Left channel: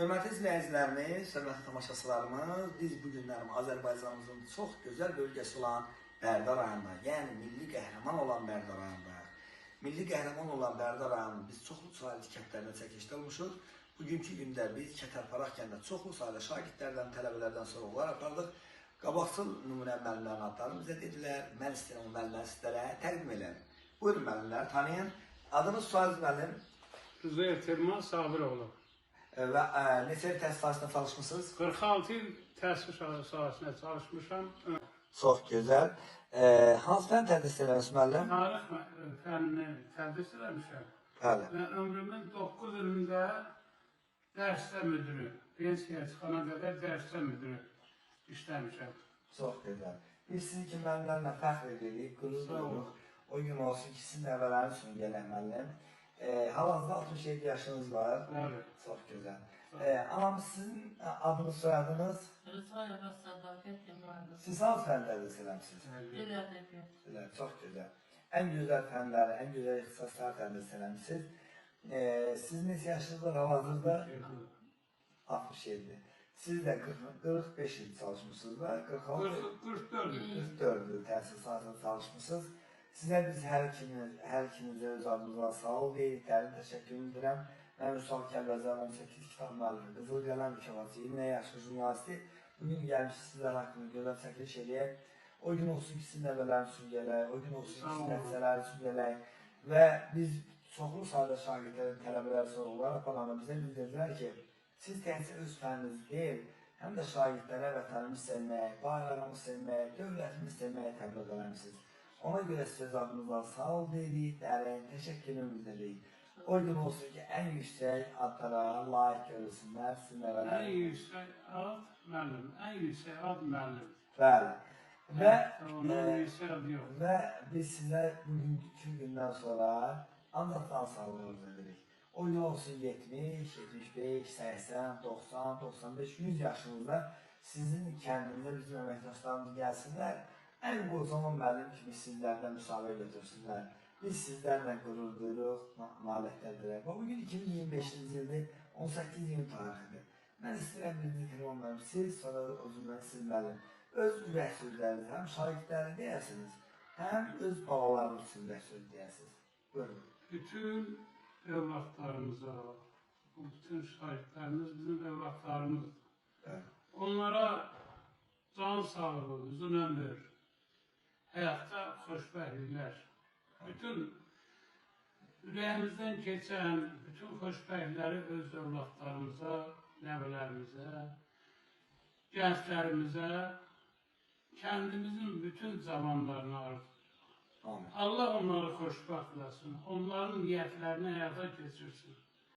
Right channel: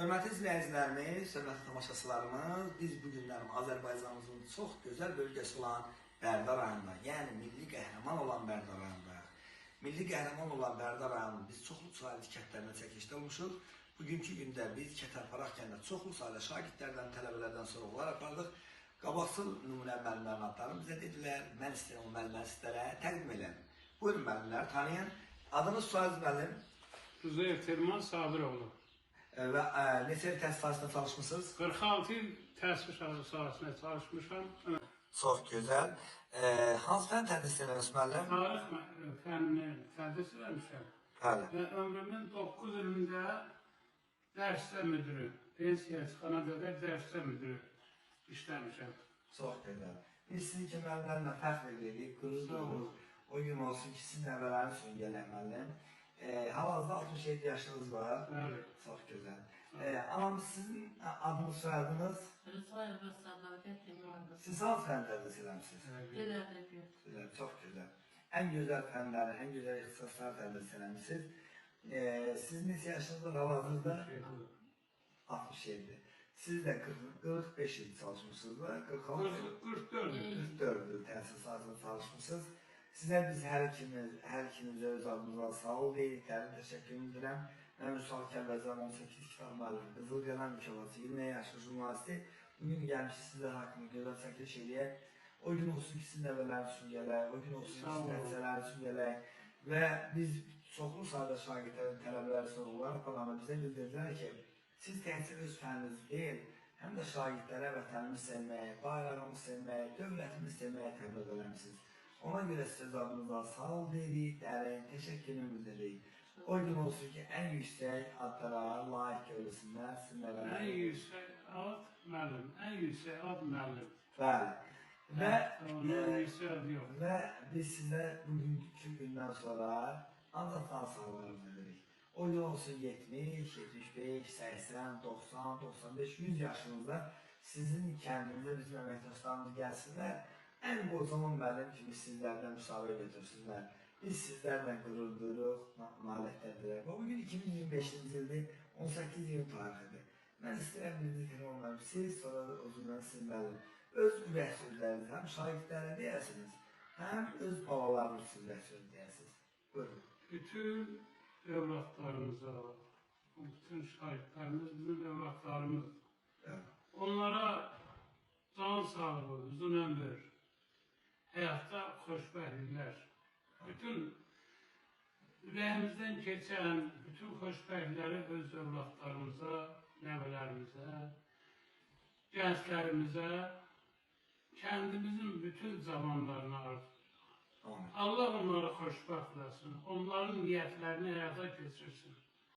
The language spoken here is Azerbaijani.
Hörmətli izləyicilərimiz, hörmətli tamaşaçılarımız, biz bu günlərim Azərbaycanımızın çox gözəl bölgəsi olan Bərdə rayonunda, yəni milli qəhrəman olan Bərdə rayonundayıq. Milli qəhrəman olan Bərdə rayonunun biz çoxlu sayılı kəndlərində çəkilişdə olmuşuq. Bugünkü gündə biz Kətərparaq kəndində çoxlu sayılı şagirdlərdən, tələbələrdən sorğular apardıq. Qabaqcıl nümunə müəllimlərin adlarını bizə dedilər. Mən istəyirəm o müəllimləri sizlərə təqdim edən. Buyurun müəllimlər, tanıyın. Adınız, soyadınız müəllim? Üzeyir Telman Sabiroğlu. Və neçə il təhsil sahəsində çalışmışsınız? 46 il təhsil sahəsində çalışmışam. Çox gözəl. Hansı fən tədris edirsiniz müəllim? Tarix fənnini tədris eləmişəm. Bəli. Və ömrümün 9 ilində dərsdə müdürü, pensiya çıxana qədər dərsdə müdürü işləmişəm. Çox gözəl. Biz sizin kimi müəllimlərlə fəxr edirik, qürurluq. O gün olsun ki, sizin nəvələrin üçün gələn müəllim. Hal-hazırda 67 yaşınız var. Bəli. Çox gözəl. Anam, sizin adınız, soyadınız? Rıfayeva Sadakat İmradı. Siz hansı fən tədris edirsiniz? Dil ədəbiyyat. Güzel, çok güzel. En güzel fənləri, en güzel ixtisaslar tədris eləmişsiniz. Siz neçə yaşınızda hal-hazırda? 67. Siz də 45 il çalışmışsınız da, 46 44 il. 44 il təhsil sahəsində çalışmışsınız. Sizə biz hər ikinizə öz adınıza sağ ol deyirik, dərin təşəkkür edirəm. Mən Ünsal Kəlbəzər 18 kitab müəllimi, Qızıl Qələm mükafası, 20 yaşlı jurnalisti. Bugün gəlmiş sizlər haqqında görəm çəkiliş eləyək. O gün olsun ki, sizin nəvələriniz üçün gələk, o gün olsun ki, sizin nəticələriniz üçün gələk. Və biz çoxlu sayda şagirdlərin, tələbələri sorğular aparanda bizə bildirdilər ki, siz təhsil öz fənniniz deyil, həm də şagirdlərə vətənimizi sevməyə, bayrağımızı sevməyə, dövlətimizi sevməyə təbliğ eləmişsiniz. Ona görə siz adınıza sağ ol deyirik, dərin təşəkkürümü bildiririk. O gün olsun ki, ən yüksək adlara layiq görülsünlər, sizin nəvələr. En yüksek ad müəllim, en yüksek ad müəllim. Bəli. Və, Onun yüksek adı yok. və biz sizə bugünkü gündən sonra anlatan sağlığınızı edirik. O gün olsun 70, 75, 80, 90, 95, 100 yaşınızda sizin kəndində bizim əməkdaşlarımız gəlsinlər. Ən qocaman müəllim kimi sizlərdən müsahibə götürsünlər. Biz sizlərlə qürur duyuruq, nailiyyətlərdirək. Və bugün 2025-ci ildir, 18 iyun tarixidir. Mən istəyirəm birinci tamamlarım, siz sonra özündən siz müəllim. Öz ürək sözləriniz, həm şagirdlərini deyəsiniz, həm öz balalarınız üçün ürək söz deyəsiniz. Buyurun. Bütün evlatlarımıza, bütün şahitlerimiz bizim evlatlarımız. Evet. Onlara can sağlığı, uzun ömür, hayatta xoşbəxtliklər, bütün ürəyimizdən keçən bütün xoşbəxtlikləri öz evlatlarımıza, nəvələrimizə, gənclərimizə, kəndimizin bütün zamanlarına arzulayırıq. Amin. Allah onları xoşbəxt eləsin, onların niyyətlərini həyata keçirsin.